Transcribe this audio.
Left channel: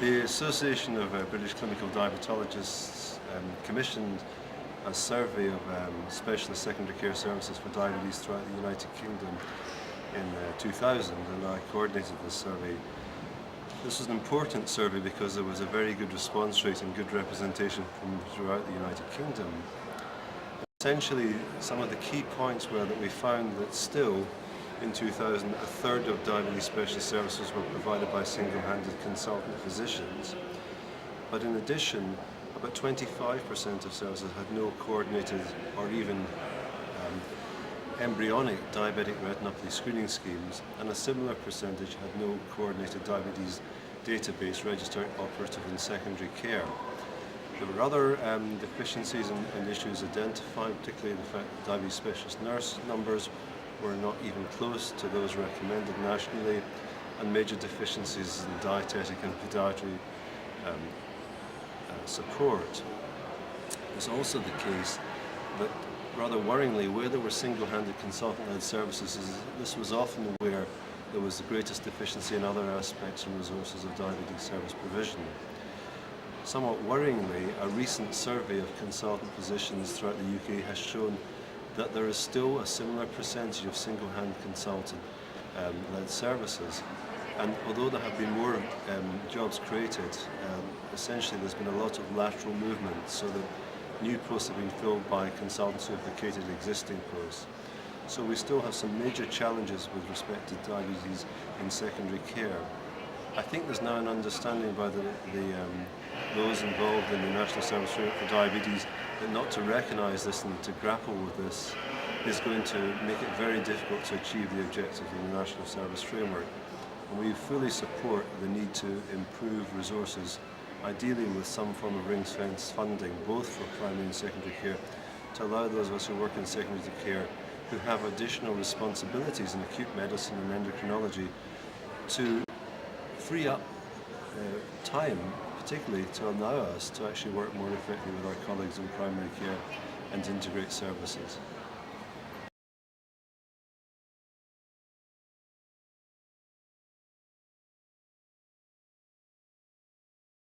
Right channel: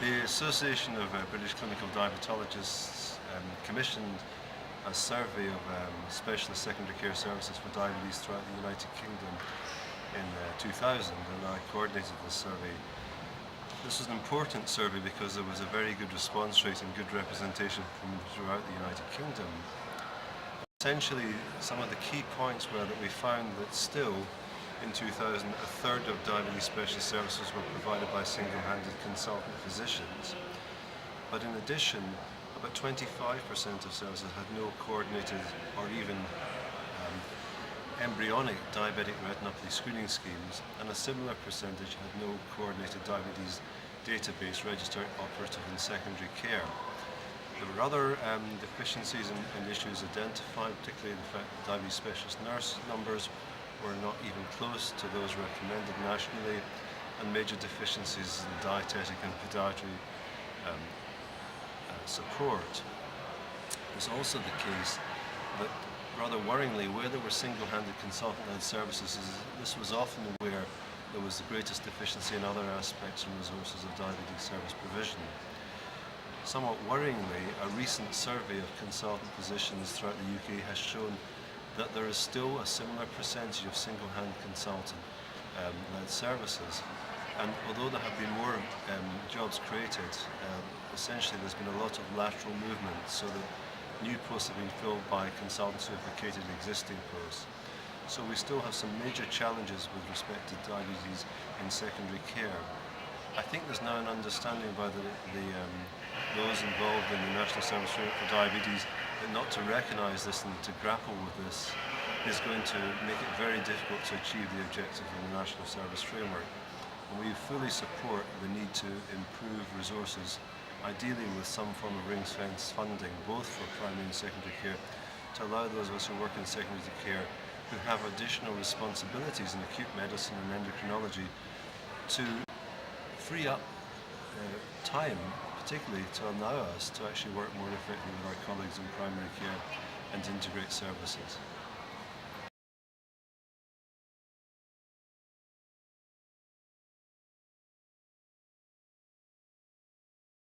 The Association of British Clinical Diabetologists commissioned a survey of specialist secondary care services for diabetes throughout the United Kingdom in 2000, and I coordinated this survey. This was an important survey because there was a very good response rate and good representation from throughout the United Kingdom. Essentially, some of the key points were that we found that still in 2000, a third of diabetes specialist services were provided by single-handed consultant physicians. But in addition, about 25% of services had no coordinated or even embryonic diabetic retinopathy screening schemes, and a similar percentage had no coordinated diabetes database registering operative in secondary care. There were other deficiencies and issues identified, particularly the fact that diabetes specialist nurse numbers were not even close to those recommended nationally, and major deficiencies in dietetic and podiatry support. It was also the case that, rather worryingly, where there were single-handed consultant-led services, this was often where there was the greatest deficiency in other aspects and resources of diabetes service provision. Somewhat worryingly, a recent survey of consultant physicians throughout the UK has shown that there is still a similar percentage of single-hand consultant-led services, and although there have been more jobs created, essentially there's been a lot of lateral movement, so that new posts have been filled by consultants who have vacated existing posts. So we still have some major challenges with respect to diabetes in secondary care. I think there's now an understanding by those involved in the National Service Framework for Diabetes that not to recognise this and to grapple with this is going to make it very difficult to achieve the objective of the National Service Framework. And we fully support the need to improve resources, ideally with some form of ring-fence funding, both for primary and secondary care, to allow those of us who work in secondary care who have additional responsibilities in acute medicine and endocrinology to free up time, particularly to allow us to actually work more effectively with our colleagues in primary care and integrate services.